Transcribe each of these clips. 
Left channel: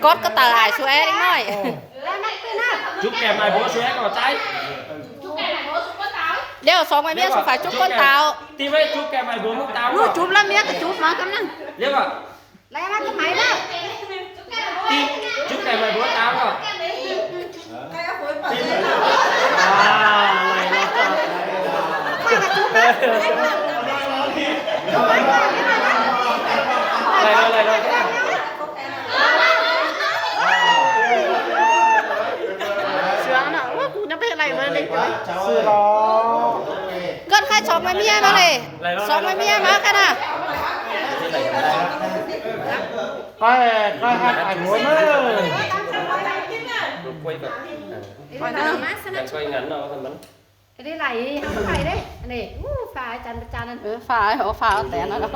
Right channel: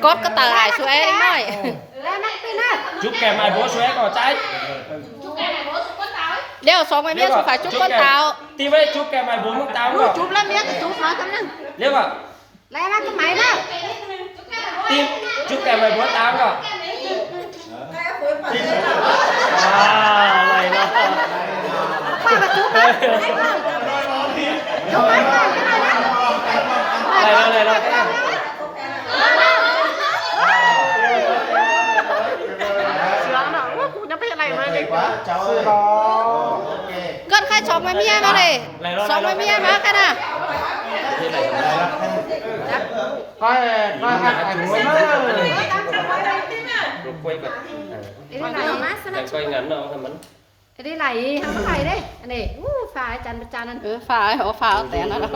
cốt có tờ ải xuế đi nói chúc kèm ai bố xuế có trái đeo xong mày biết phải chúc con tao thì vậy chúc kèm ai bố mức tao rồi chụp lắm biết chụp nói con nè nếu mà lấy nó cái máy đó thì chúc kèm ai bố tao rồi này là này sướng nào cô nó biết này mới con khai xong mày mía nó này xong mày mía mà khai nè quay ngắn nào thằng mình cái đi này không phải đấy này phải chăn phải họ phá ở tẻ nó đâu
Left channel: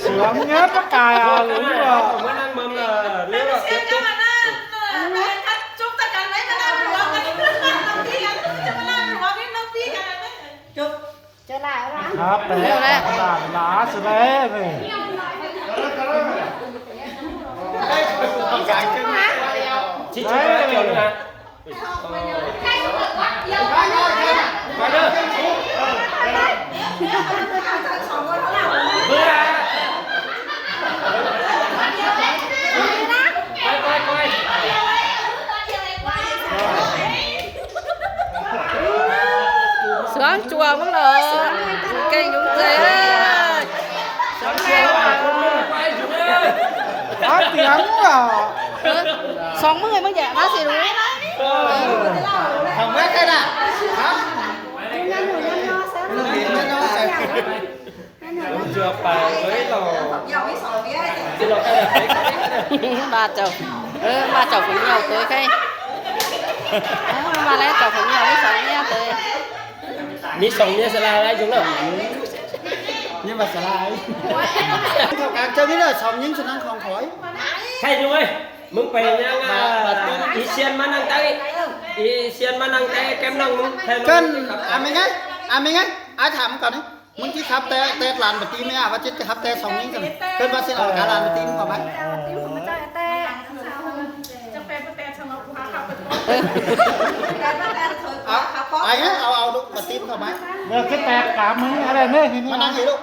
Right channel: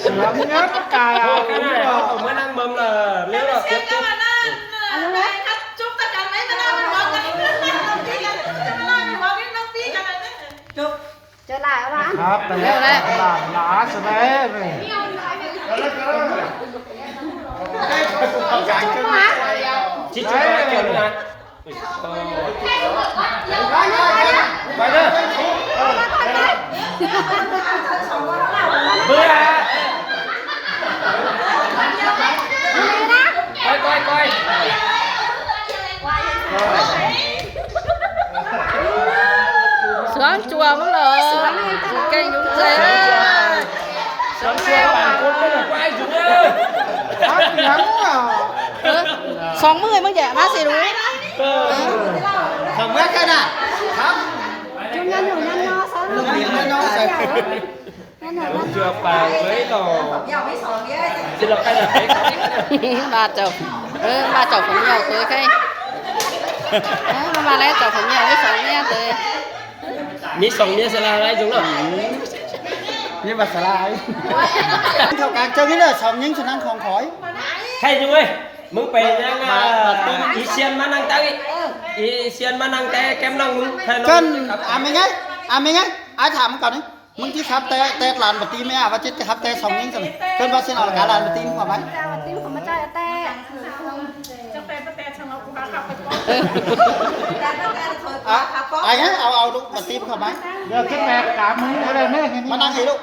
sướng nhất tất cả mới đang mâm là nếu là tiếp tục chúc ta cần lấy chúc trở lại đó Leo đây. Đã sự đấy về. chị chú nói kiểu nữa nè quay nữa vừa quay sướng chùa mất rồi kênh chúng cười ơi sướng lên quay xong mươi mới dạ bác sĩ đúng Không biết cái nào. chưa bà lấy rồi chứ là cái này ba chồng ba chồng cũng nhau tới cái ba lấy chồng cũng nhau với sống nha tới mi sống như thế này chúng rồi Nhưng mà sẽ lại. Theo càng chơi biết là sống những sự năng không khỏi. thay rồiมึงไปยังอีเซียนมานั่งใต้อีเซียนมานั่งใต้แก้มนั่งมึงthay rồi Cân, mình ấy, ai thảm còn ấy. Mình chỉ khắp tê làn một tí mấy và chết khắp tê sống những sự. Cân bác sĩ nói cả làn một tí mà mấy. Ai ấy, ao lúc mà tim không mấy. Được cái bẹt cả mấy cái này đấy. Mà năng gì lúc?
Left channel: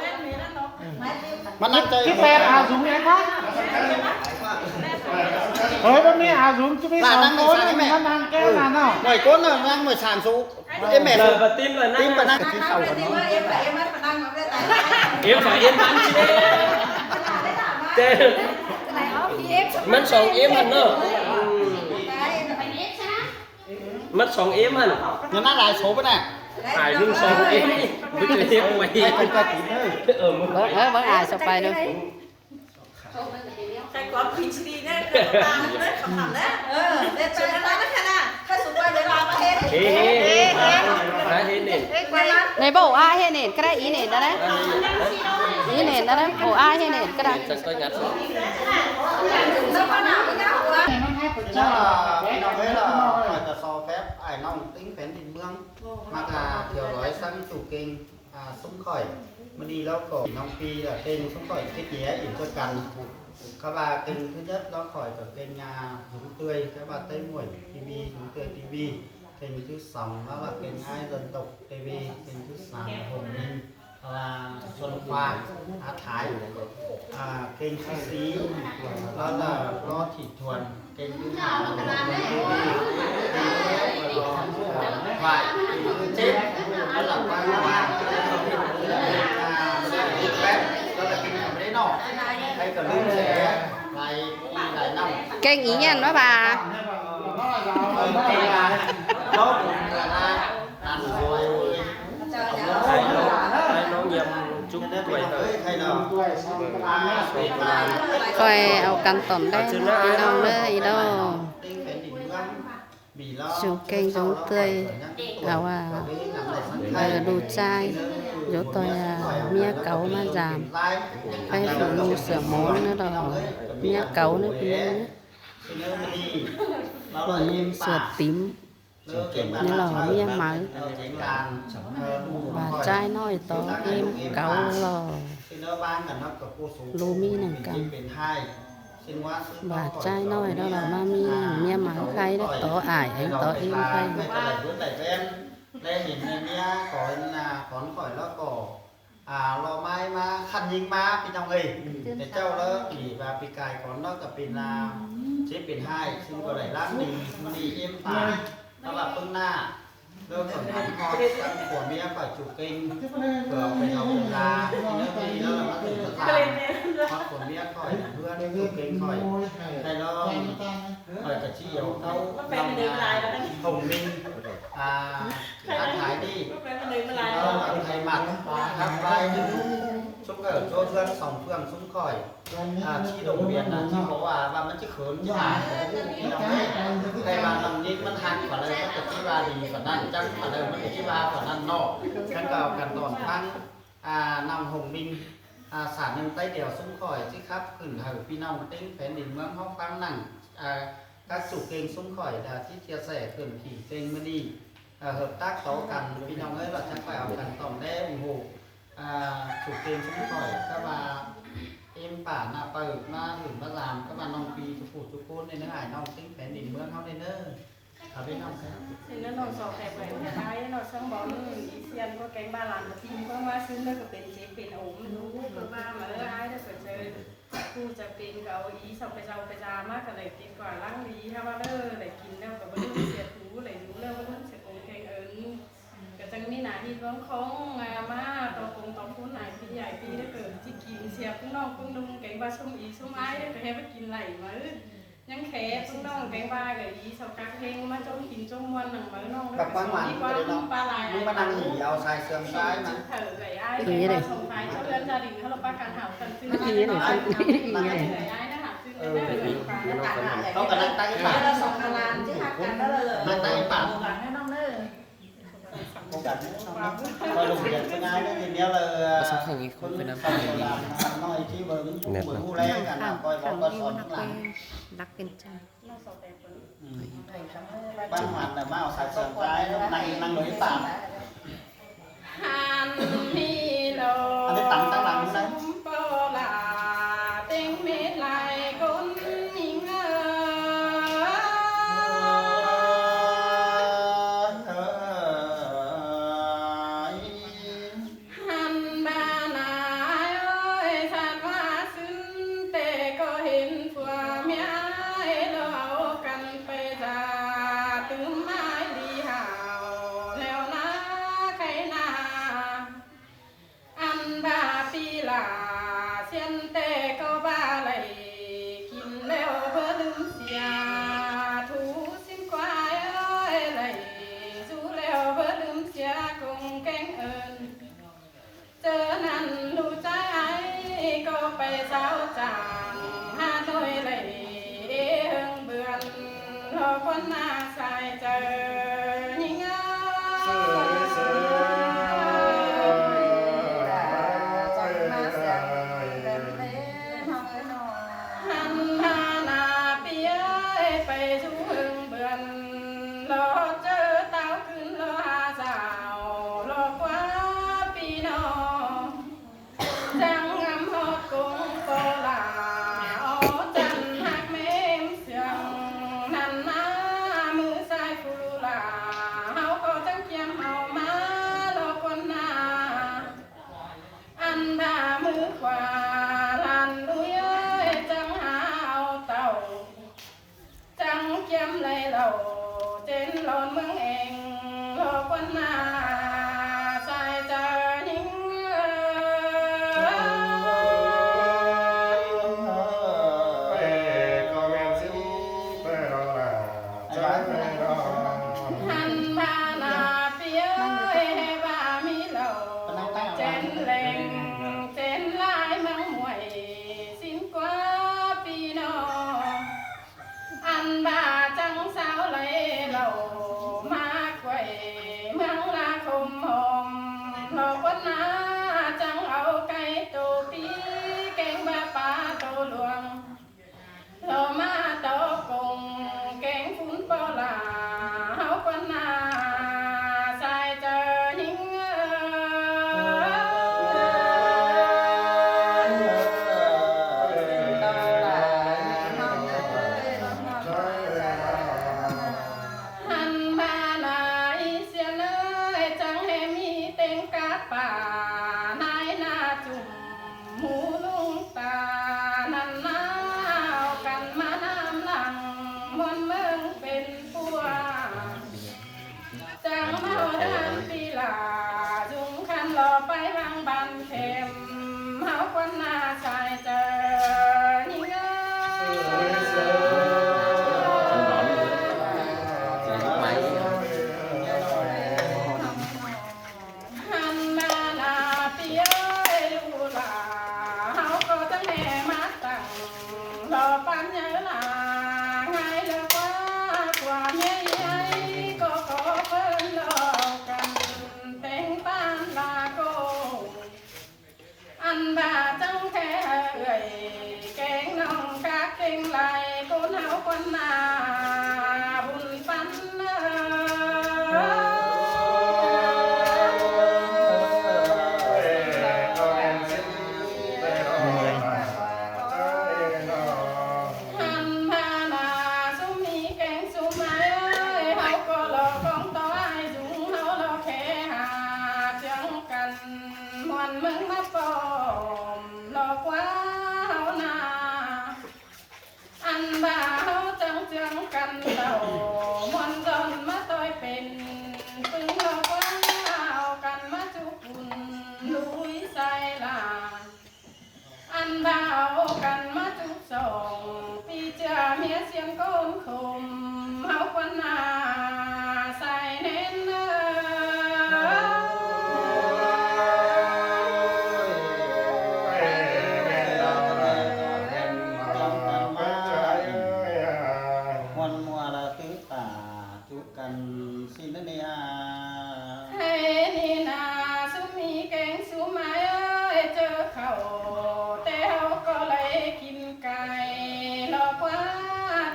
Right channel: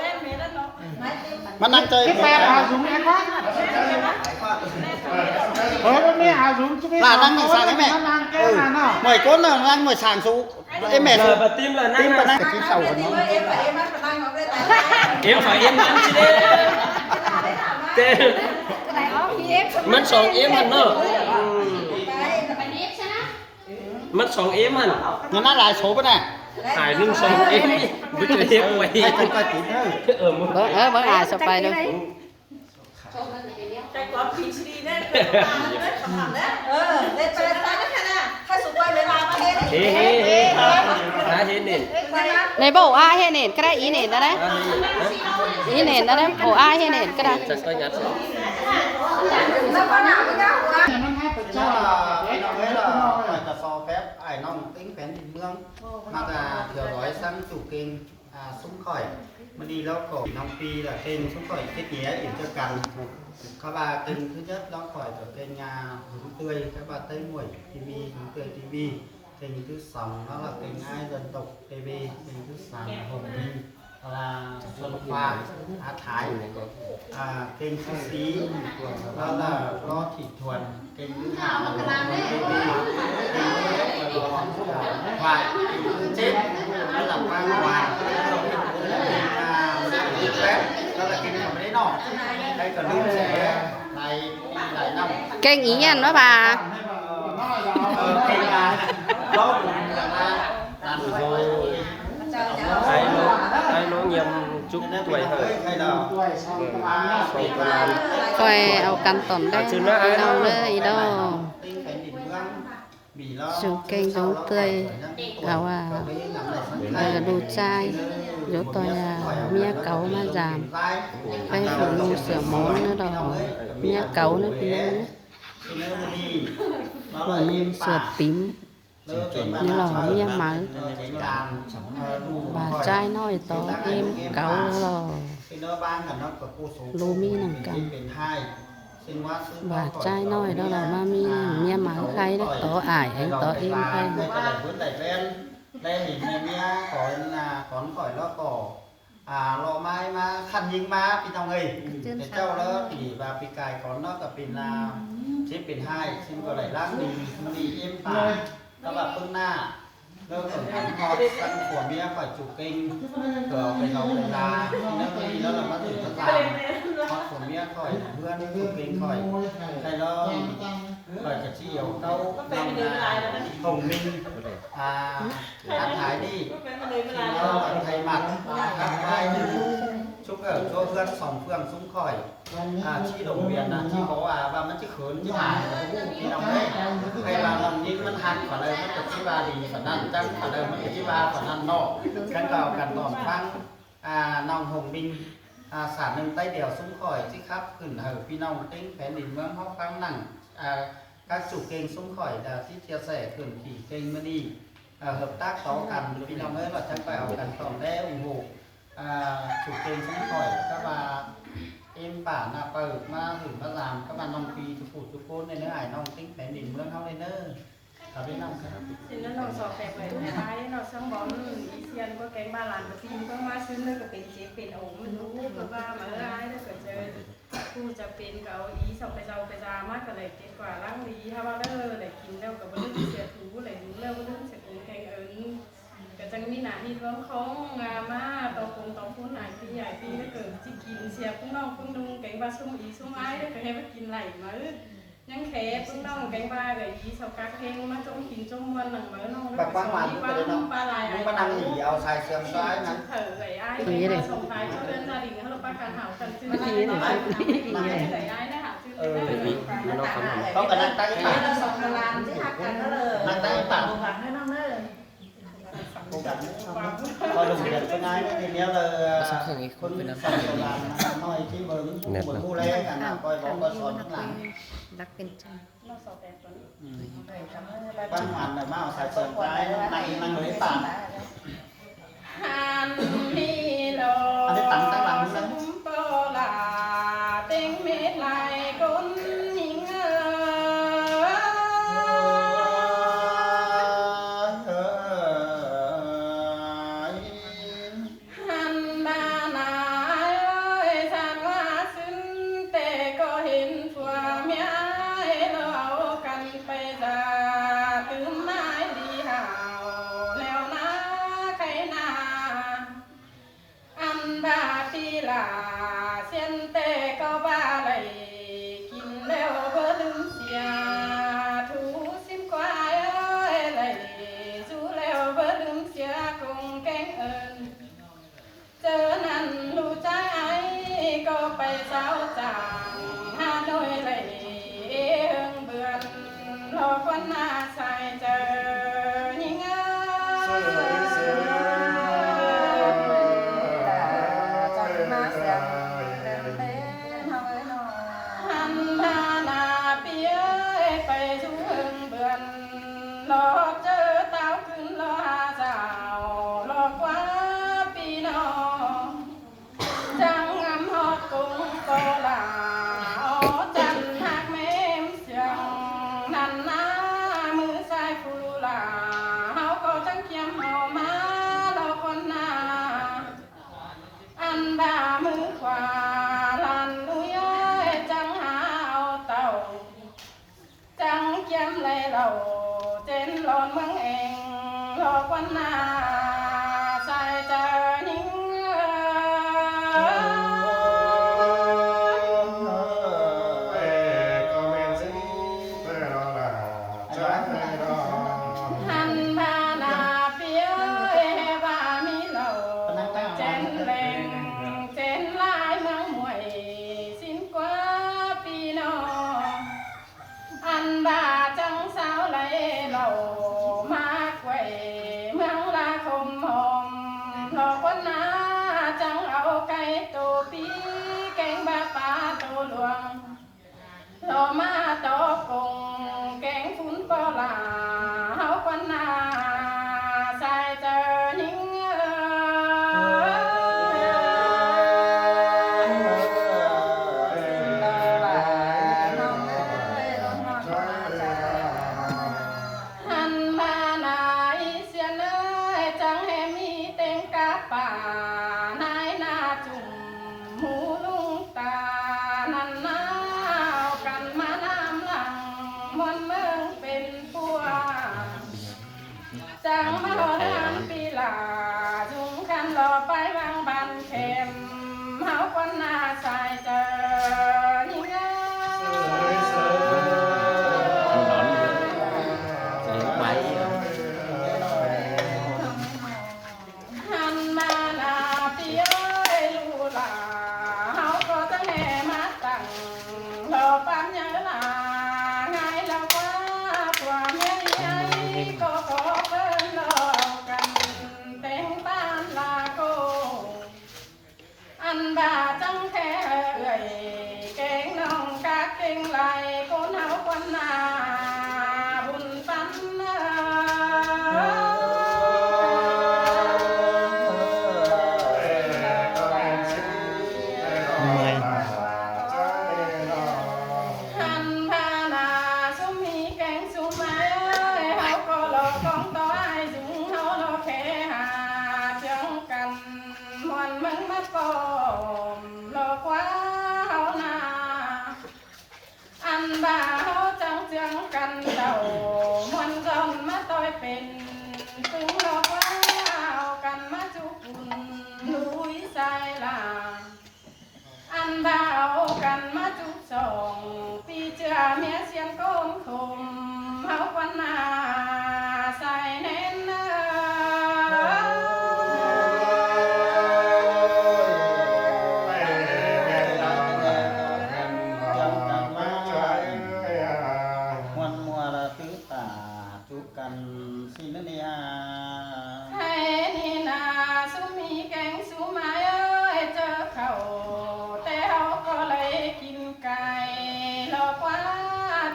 Mà năng chơi. Cái bẹt ảo dùng em đó. Đấy mấy ảo dùng chứ biết. Là năng người sang cái mẹ. Mày có là năng người sàng số. Em mẹ số. và tim là Tim là năng năng. em phải em ăn tê mất sòng em hẳn nữa mất sòng em hẳn Nhưng nó lại số cái này. phải nâng sòng em với cái em mày ở một bữa ai sắp bay nữa này bộ ai hay nền cái đấy ý nền đó đấy ý nền đó đấy bộ ai hay nền cái đấy Chắc là nó thấy là so phép ai nông tính phén thì mương mà là thừa gói sang chủ kênh súng khỏi mình đi lâu cổ nông phi là kênh súng khỏi kết nhé để cho cần các bà kênh thứ nhất nó khỏi ở kênh hướng tươi các bà tây muội tv hướng tươi tv kênh thứ sòng đó là kênh ai dân tộc tv kênh thứ sàng hồng minh là xuân hoa Á Thái kênh thứ xí đó là lo thị thuần kênh thứ hai là kênh thứ thoại kênh thứ chết đó là quang hoàng kênh phép đó là kênh cầm đấy nọ đây còn luôn sẽ lại năm kênh ý nhận đó bà đó cũng là đàn hồi nó nhiều chút tuổi coi ao căn tổn đây đi đâu nữa đi đâu dùng kênh giống tươi áo đồ chai dỗ tôi mía cấu mà giảm cái phụ nô sửa món nữa đó mía cấu nữa phụ nô sửa tím นี่là mía mỡ bà trai nói to em cậu là lù mi nằng cầm bà trai nói đó là ba mi mía mỡ khay đó to ải anh to em khay ได้เห็นในเมียก่อนขอนก่อยแล้วก็รอไม้มาคันยิงมาพี่น้องเอ้ยแต่เจ้าแล้วปีบาปีกายก่อนเนาะกับเป็นเชฟเป็นให้ซึ่งก็ไหลล้างดีมันดีเอ็มตาแล้วแบบปึ้งหน้าแล้วส่วนของพอตั้งขวดเมียฝ่ายจุกเก่งเผื่อไปเอาเวลาพี่น้องเอ้ยแล้วเราก็ถึงตลาดพอขวดเมียคอยเพื่อนจุกเก่งคอยใครแล้วคอยกระเชี่ยวเต้าน้ำหงมินทักทายđi thầy mặt các vai chúc ở cho phương sòng phương xuống khỏi chi đồng biển là chi bố vàมันจะเขินที่หาที่น้องนี่ใครบางน้องนี่มันหันฝ่าเลยมันจะที่ว่าดีฝ่านั้นจังฝ่าเลยมันจะที่ว่าฝ่านั้นนอกกันเก่ากันตอนฟังน้องหงบินสารหนึ่งใต้เดี่ยวซุ้มข่อยที่ครับขึ้นเหอพี่น้องติ้งแผ่นดินเมืองห้องฟังหนังcác chủ kênhซุ้มข่อยที่chia sẻขึ้นขี่เก่งมื่อนี้hợp tác có cầnพี่น้องเอ้ยเราจะไปเอากันต่อได้ủng hộ chủ kênhซุ้มข่อยcác bà emป่าน่ะเปิดมาถึงมาlàm các bàน้องปีทุกผู้ทุกคนในเนื้อหายน้องติ้งแผ่นดินเมืองเขาเลยเนอะเขาไปน้องครับ thì nó nòng sọ kẹp vậy mẹ bay nó sang bón ý xiên có cánh ba làn mà tim có ma xứ nó cóเป็นเชฟเป็นốmรู้ก็ว่ามาอ้ายถ้าเกิดเจอกูจะเป็นเกาอีส่งไปเจ้าไปจามากก็เลยกินกว่าล้างดีถ้าว่าเลยกินแล้วก็บ่รู้เสียถูเลยรู้แล้วบ่รู้เสียคงแกงเอิญก็จังมีหน้าที่ร้องของมาตองคงตองพูนหายพี่ใหญ่พี่ถ้าเกิดที่กินเสียพึ่งน้องพึ่งดุงแกงปลาส้มอีส้มอ้ายแล้วก็ให้มากินไหลมายังแขพึ่งน้องแกงปลากับอีสาวกักเพลงมาจมกินจมมวนหนังมาน้องแล้วก็มีความปลาไหล nhưng mà đang nghỉ ao xài sườn trái mà เถอะไก่อ้ายไก่ส่งท้ายเจ้าเรือนจาดิ่งเขาเราประกันหากันซื้อไก่อ้ายนะหาซื้อได้เลยปลาหน้าตาหน้าอะไร เขากำลังตั้งปาก ส่งมาลานที่หักกันก็เลย ตั้งปาก หลังให้น้องเด้อ cô cảnh coi lùng đẹp cái ngay đó nhìn nhau là con mình làm nói chi bừng bừng mua lên cả nào coi bóng coi sòn cũng làm รักเป็นจัง น้องสาวแต่คน ban hoàn là mau xài sườn trái nó này năng lưới tạm ฮันมีโลซุมโปลาเต็งเม็ดลายก้นหิงฮันบานาเอ้ยสานว่าซึ้นแต่ก็เห็นผัวเมียเราเอากันไปจ้าตื้มไม้ดีห่าวแล้วนะใครนาอันบาปีลาเส้นแต่ก็บ้าไหลกินแล้วเบ่ลืมเสียถูซิมควายเอ้ยไหลสู้แล้วเบ่ลืมเสียคงแกงเอิญเจอนั้นรู้ใจก็ไปเจ้าจางหาหน่วยไหลเอิงเบือนรอคนหน้าใส่เจอยิ่งหันหน้าหน้าเปียไปชูเอิงเบือนรอเจอเต้าขึ้นรอหาสาวรอกว่าปีน้องจังงามฮอดกงโกลาอ๋อจันหักแม่มเสียงนั่นหน้ามือซ้ายฟูลาเฮาก็จังเกียมเอามารอคนหน้าอันบ่ามือขวาลันลุยจังหาเอาเต่าจังเกียมไหลเราเจนหลอนเมืองเองรอคนหน้าใส่เจอหิง หันมาหน้าเปียว่ามีเหล่าเจนแหลงเจนลายเมืองมวยสิ้นกว่าปีนออันบาจังสาวไหลเหล่ามากไว้เมืองลาคมหอมหลอกวันนาจังเอาไก่โตปีแกงบาปลาโตหลวงเรามาตอกงแกงฟุ้นปลาเฮาควันนา หมูลุงตานันนาวกันมาน้ำหลังมวนเมืองเป็นปัวจังมาเดินปีลาจุงคันรอไปวางบันเข็มเฮาควันหน้าชายเจอนี่เงหันมาหน้าปีเอ้ยลูลาเฮาก็จะแห่มาตั้งรอปันเยอะลาง่ายแล้วกว่าความใหญ่ก็ขอเพิ่นรอกันแต่งบ้านลาโกอันบาจังแค่เอ่ยแกงน้องกากเก่งไหลกูเฮาควันหน้าบุญปันหันพานาสุมีแกงสุมาเฮาก็รอของต่อไอ้จุงเฮารอแค่หาเจังกันมวนมึงมาปอมรอกว่าเฮานาอันบ่าเฮาจังเจืองกันเต่ามวนจนมาต่อยเป็นตึงรอกว่าเฮากันมาจุกุนลุยใส่ลาอันบ่าวกันมาจุกสองปีเจือเมียเสียงโกนคมเฮาควันหน้าใส่เน้นวันมัวละตื้อตาทุกกันสินเนีย ให้นี่นาสุมีแกงสุมาเอ้ยเจอเขาแต่เฮาก็เลยกินไก่รอกว่า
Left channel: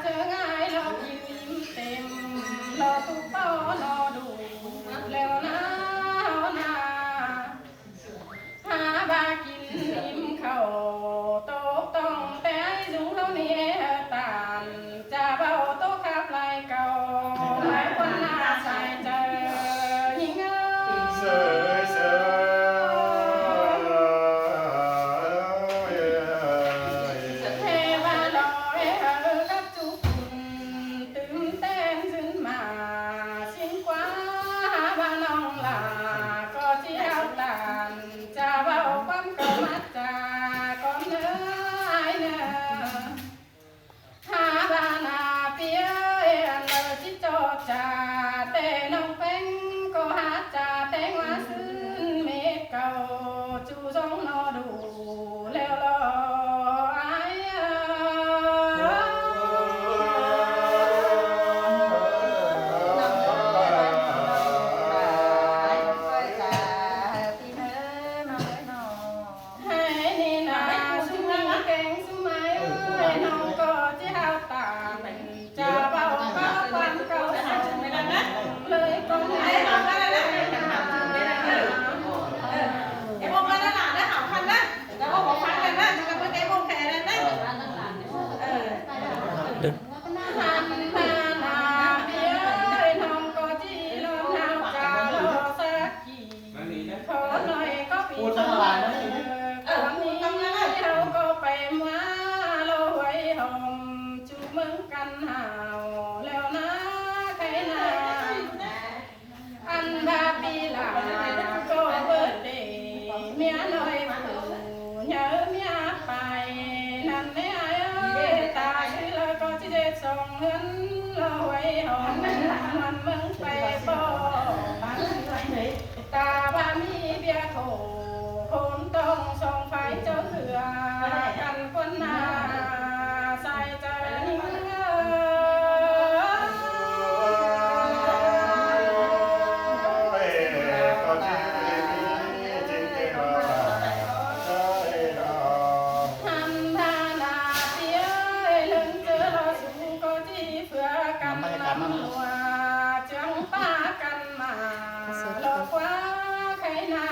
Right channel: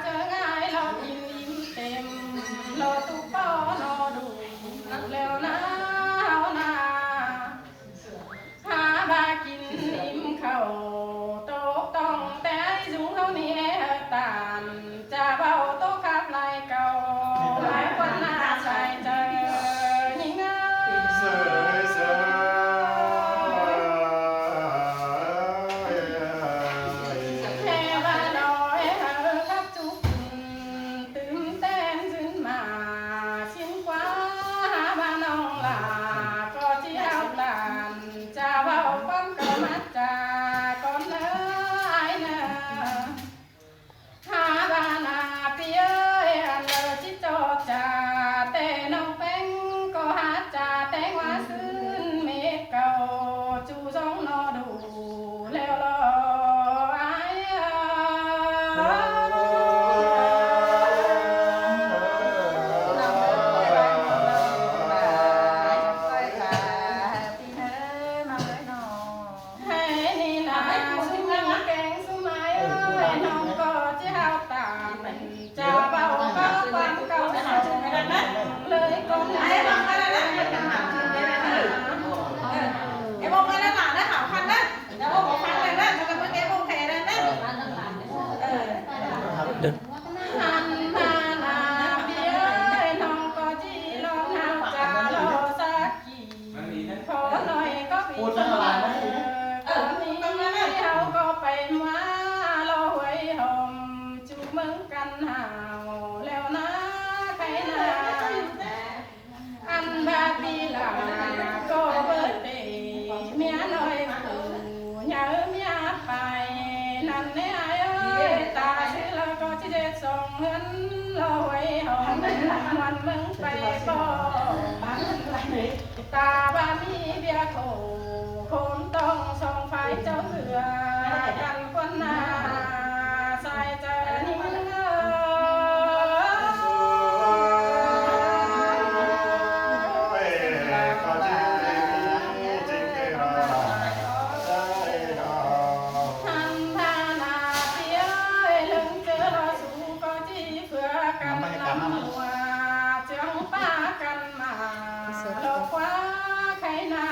เจอง่ายรอกินอิ่มเต็มรอตุกเป้านอดูแล้วนะเฮานาหาบากินอิ่มเขาโตกต้องแต่ไอ้จุงเฮานี่ตานจะเบาโตขับไหลเก่าหมายควันหน้าใส่เจอยิ่งเอ้เทวาลอยเฮอกับจุกตื่นเต้นขึ้นมาชินกว่าหาบ้านน้องลาก็ที่เฮาตานจะเบาความเก่ามาจาก่อนเนื้อไอ้เนื้อ หาบานาเปียอันเลอจิโจจ่าแต่น้องเป็นก็หาจ่าแต่งว่าซื้นเมฆเก่าจูจงนอดูแล้วรอไอ้ให้นี่นาสุมีแกงสุมาเอ้ยน้องก็จะเฮาตามจะเบาก็ความเก่าส่งเลยก็ไม่ em bông lên là nó học hành đó, nó bông một phẳng lên đó, nó có cái bông thè lên đó. หันมาหน้าเบี้ยน้องก็จีลองเฮาจะรอสักกี่ขอหน่อยก็ปีเตอก่อนนี้เฮาก็ไปมารอไว้ห่มจุกมึงกันหาวแล้วนะใครนาอันบาปีหลังก็เบิดเดเมียน้อยผู้เหยอะเมียไปนั่นแน่เอ้ยตาชื่อเลยก็จะได้ส่งเงินรอไว้ห่มมันมึงไปบ่ตาบ้ามีเบียร์โถคงต้องส่งไฟเจ้าเถื่อกันคนหน้าใส่เจอนิ่งหันพานาเปียลึงเจอรอสูก็จีเพื่อกันนำหัวจังป้ากันมาหลอกว่าใครนา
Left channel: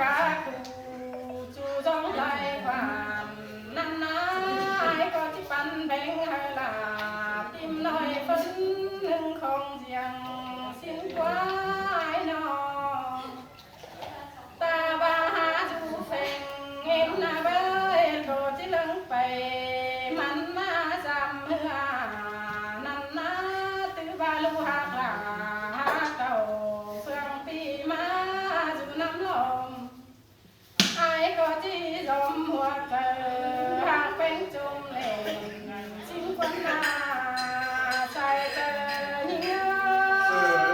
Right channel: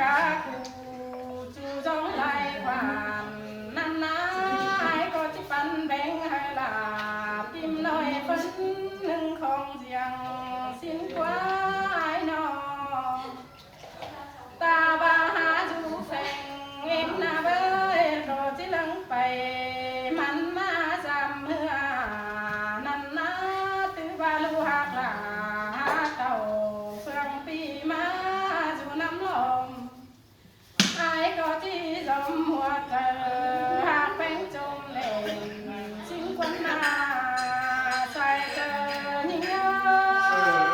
กาคูจูจงไล่ผ่านนั่นนายก็ที่ปันแบงให้ลาติมน้อยเพิ่นหนึ่งของเสียงสิ้นกว่านอตาบาหาจูเฟงเอ็มนาเบยโดดที่ลังไปมันมาจำเมื่อนั่นนาตือบาลูหักลาเต่าเฟืองปีมาจูน้ำลมไอ้ก็ที่จมหัวเจอหากเป็นจมเล่นสิ้นควันนาใส่เจอเหี้ย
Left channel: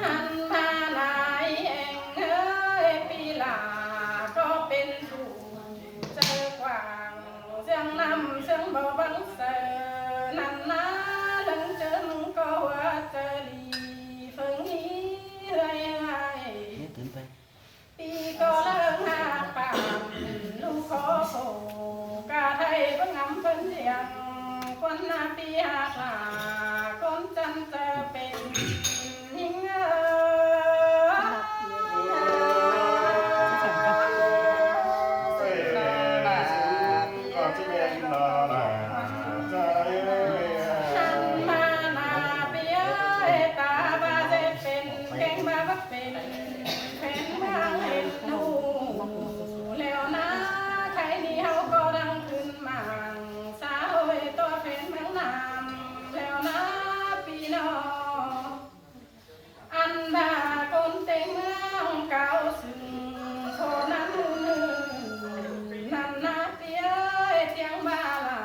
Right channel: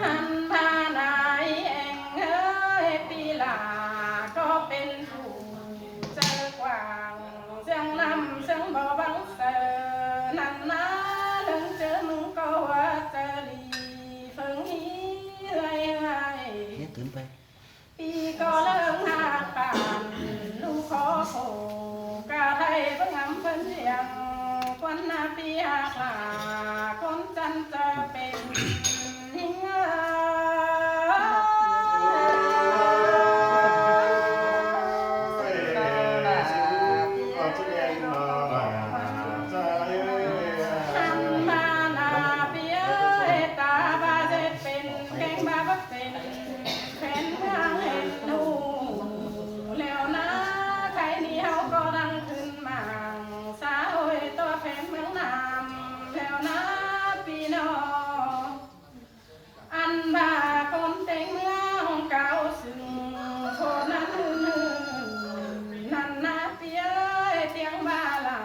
หันมานายเองเอ้ยปีหลาก็เป็นผู้เจอกว่างเสียงนำเสียงเบาบังเสอนั่นนะถึงเจอมึงก็ว่าเจอลีเฟิงนี้เฮ้ยเฮ้ยปีก็เลิกหาป่านลูกขอโผกาไทยบังงำเพิ่นเสียงคนหน้าปีหากลาคนจันจะเป็นหิงหันมาหน้าปีเอ้ยตาบาเจ็ดเป็นเก่งบาบักเป็นแผ่นเมืองเห็นหนูแล้วนะใครนี่เฮาก็ดังขึ้นมาสาวเอ้ยตัวแผ่นเมืองน้ำแล้วนะปีน้องอันบาคนเต็งเมืองเก่าซึ่งโทนั้นนั่นนะปีเอ้ยเตียงบาลา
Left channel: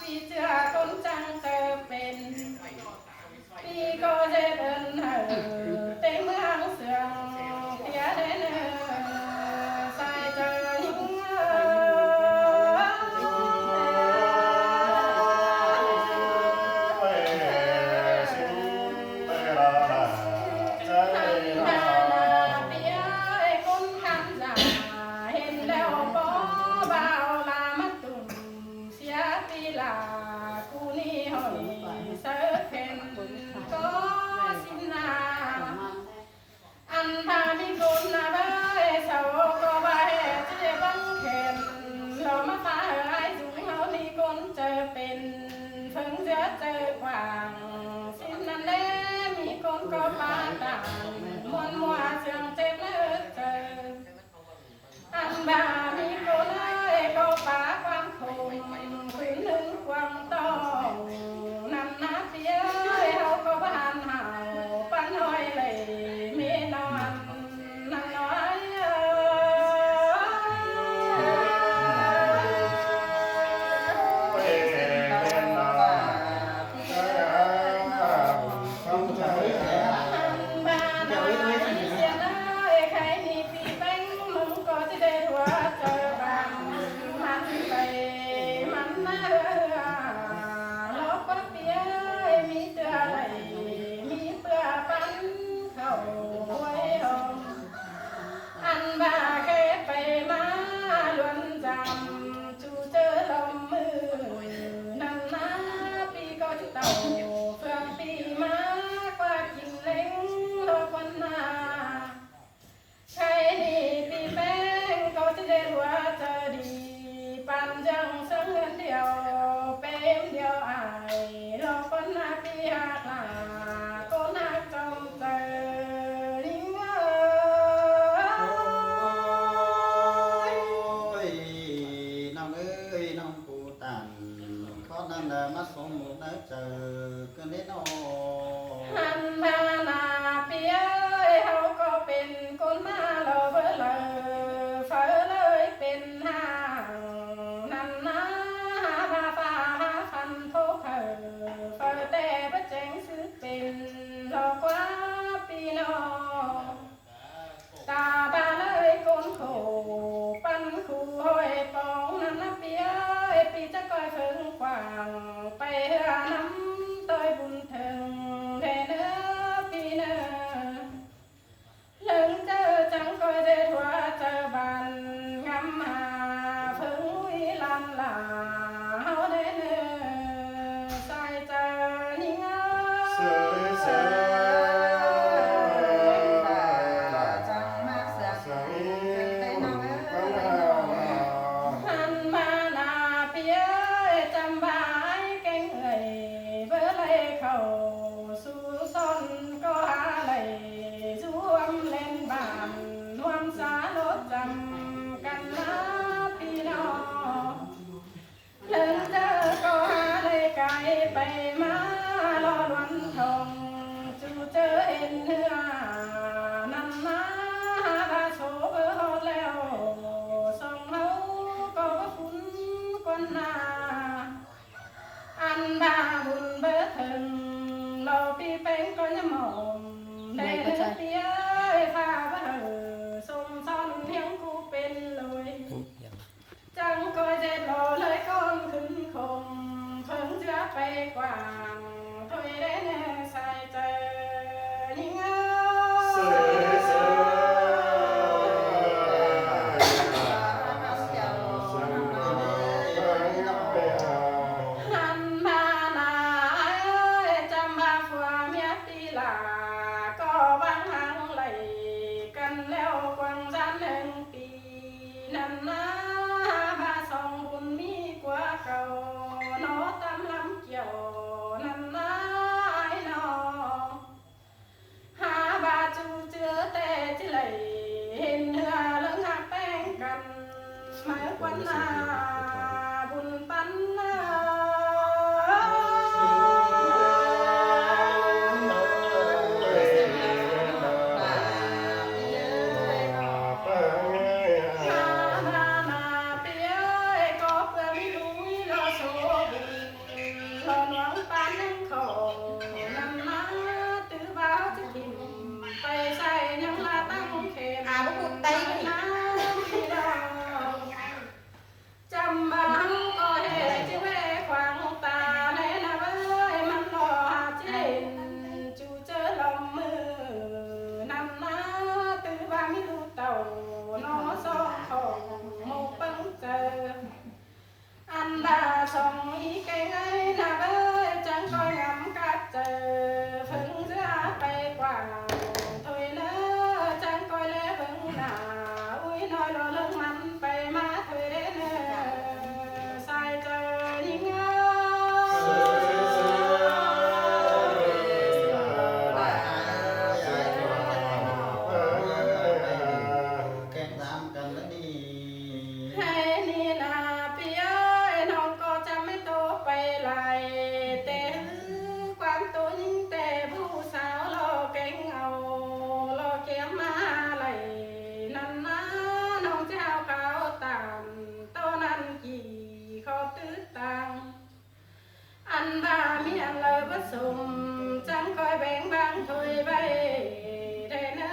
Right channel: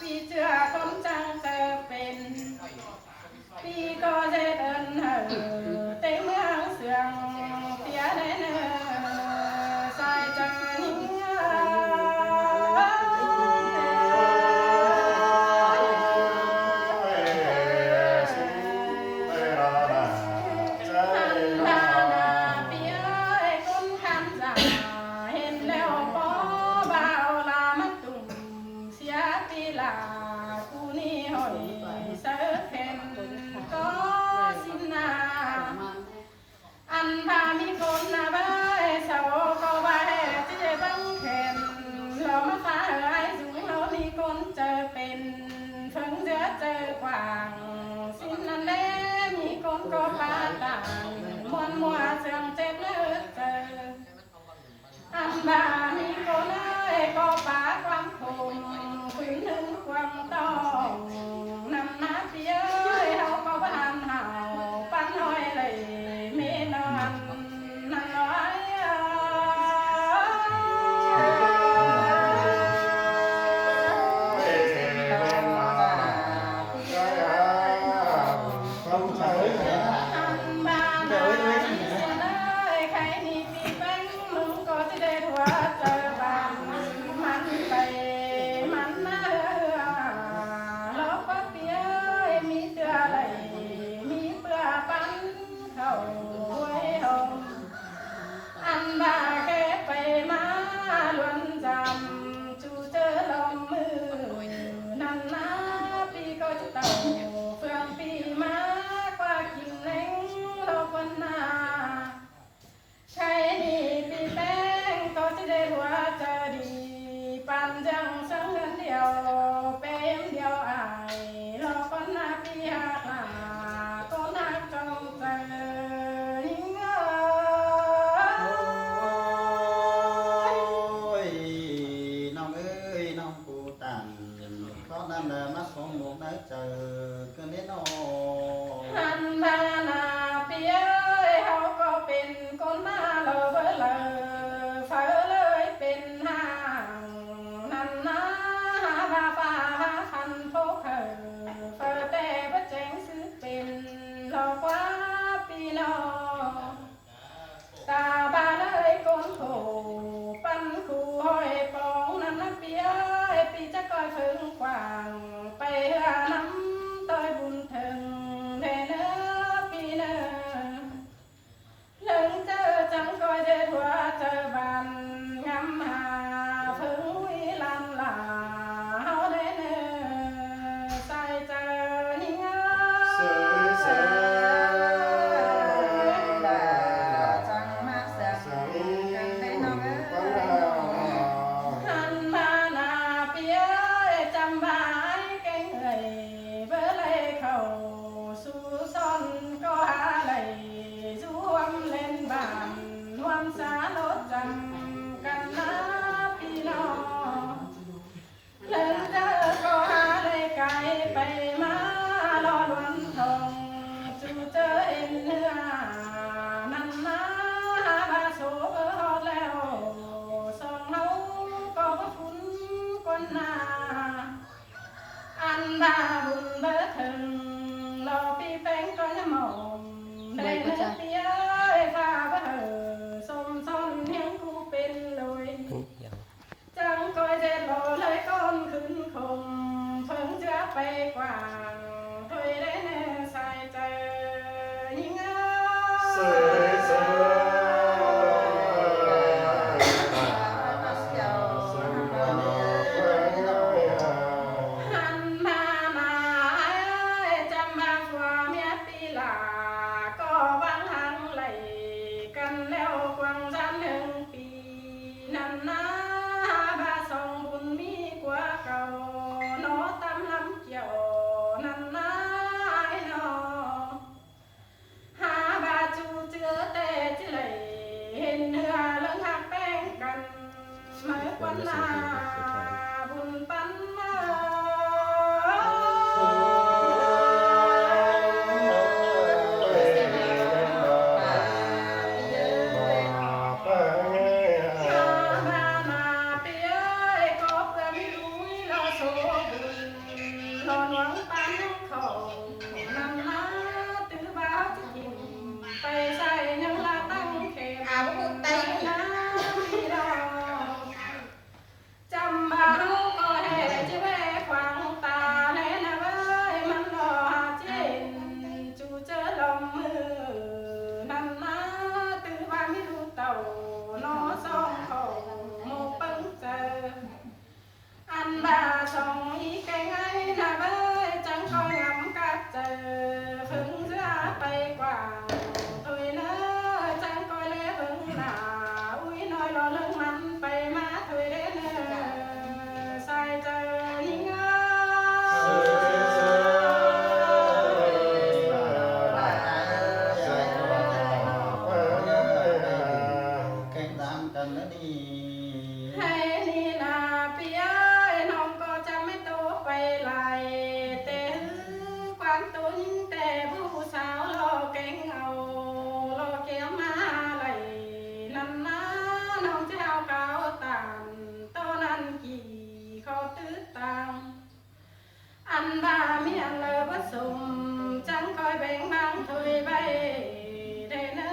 ปีเจือคนจังเจอเป็นปีก็จะเดินเหอเต็งเมืองเสียงเตียได้เนอใส่เจอหิงหันมาหน้าปีเอ้ยคนขันจ่าเห็นแล้วบ่เบาลามาตุ่มเสียปีลากูนี่หอยเสือเข็นก็สินนาอันพามีคนนาเบยเสาก็บ่าแห่ที่จะบังเข็นเรามาฟ้าเอ้ยจุงเรามีคนเจอเป็นเพิ่งเจอกว่างสิ้นนั้นแล้มีคนก็ปาตานมวนมัวเสียงเจ็บเนื้อเจออันบามีคนเอ้ยก็ปาความคมคืนหนึ่งความต้องนำนาเปียเอ้ยเฮาก็บ้านเฮาปันห้อยเลยมีนอนนั่นน้อยอันบานาเสียเอ้ยใครนี่ปีเป็นมึงก็จะได้หัวเจอบางมันไปมันมาลอกว่าเปียเอ้ยมีเตืออะไรมีเปื่อปันเข้าไว้ห้องอันบาแค่ไปมาล้วนจำจูเจอลมมือนั่นนะปีก็จะเต่าเฟืองปีมากว่ากินเล้งโลกวันนา ใครนี่ปีแป้งก็จะได้หัวจะดีปันจังสังเงินเดียวเป้มเดียวอายรอคนหน้าปีหากหาก็นักจงเจอหิงน้องเอ้ยน้องปูตันข้อนั้นมาสมมุกได้เจอกันแน่นอน หันมาหน้าปีเอ้ยเฮาก็เป็นคนมาเลอเบอเลอเฟอเลยเป็นห่างนั่นนะหาบาฟ้าหาพันโพกเฟอแต่บ่แจ้งซื้อเป็นหลอกว่าปีนอตาบาเลยคนโขปันคู่ห้อยปองนั่นนะปีเอ้ยปีจะก้อยเพิ่งกว่างไปเฮือน้ำต้อยบุญถึงแท่เนื้อปีเนื้อ ไปมารอวันทองจูเจอเอ็นเนื้อนั่นนะบาโซเบอร์แล้วสองเฮาก็ว่าคุ้นคนหน้าอันบาบุญเบอร์ถึงรอปีแป้งก็ยังมองได้เนื้อเตี้ยฟ้าบ่เหอสมซ้อนเฮียงกูเป็นเลย จังก็จะรอเลยก้อนขึ้นคมเพิ่งจะไปกว่างถอยได้แน่ใส่ใจยิ่งเอ้หันมาหน้าเอ้ยจะมาฟัวเมียปีลาก็บางหังไหลกันแล้วกวางจันหนึ่งปีนั่นนะสองบุญมีกว่าเก่าโนตำลำเกี่ยวนั่นนะไอ้นอหาบาจูเจือแต่จิไหลเห็นเนื้อเรื่องหักแป้งกันหมายควันนาบุญปันมารอหวังปันของนำมาตื้อบ้าจะกินไปใส่ยังลาตั้งเขตเอาไปน้ำพี่ดอกจำบ้าก็เห็นจิเวขวางตาในนาเว้ยมันรอหาเจนจูเจอลมมือนำมาตื้อบ้าไม่รู้เต่านอสองของโมปังเจออันดาส่งอีแกงไงนะเบ้ยจังคอยงำกัดเจอเพิ่งจะไปกว่าถอยเนอจังคอยเล่เบิ่งหน้าอุ้ยน้อยรอเรื่องมันไปมาถอยเด้เนอใส่เจอยิ่งเอ้แกงน้ำกันแล้วนี่ ให้นี่นาพี่เอ้ยน้องก็จะไม่โตไปไหลแต่ความตัวยิ่งแต่ผู้สาวรอเก่งเอารอเกี่ยวมาไหลนั่นนะน้องเจ้าขาวตานโตนั้นกี่เขาตื้อตังอันบามีอันเลยผสมจังคอยแบ่งบางถอยไปได้เนอ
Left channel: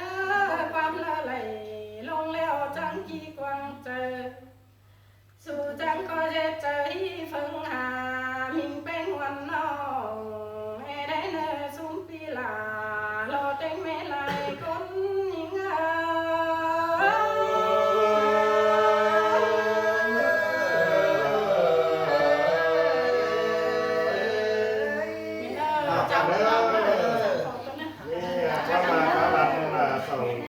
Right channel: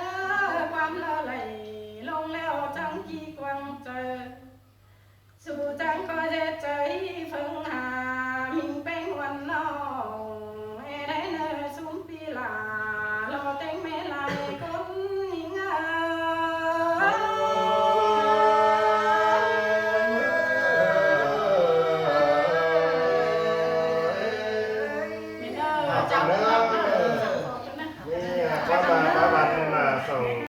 ความละไหลลงแล้วจังกี่กวางเจอสู่จังก็จะใจเพิ่งหา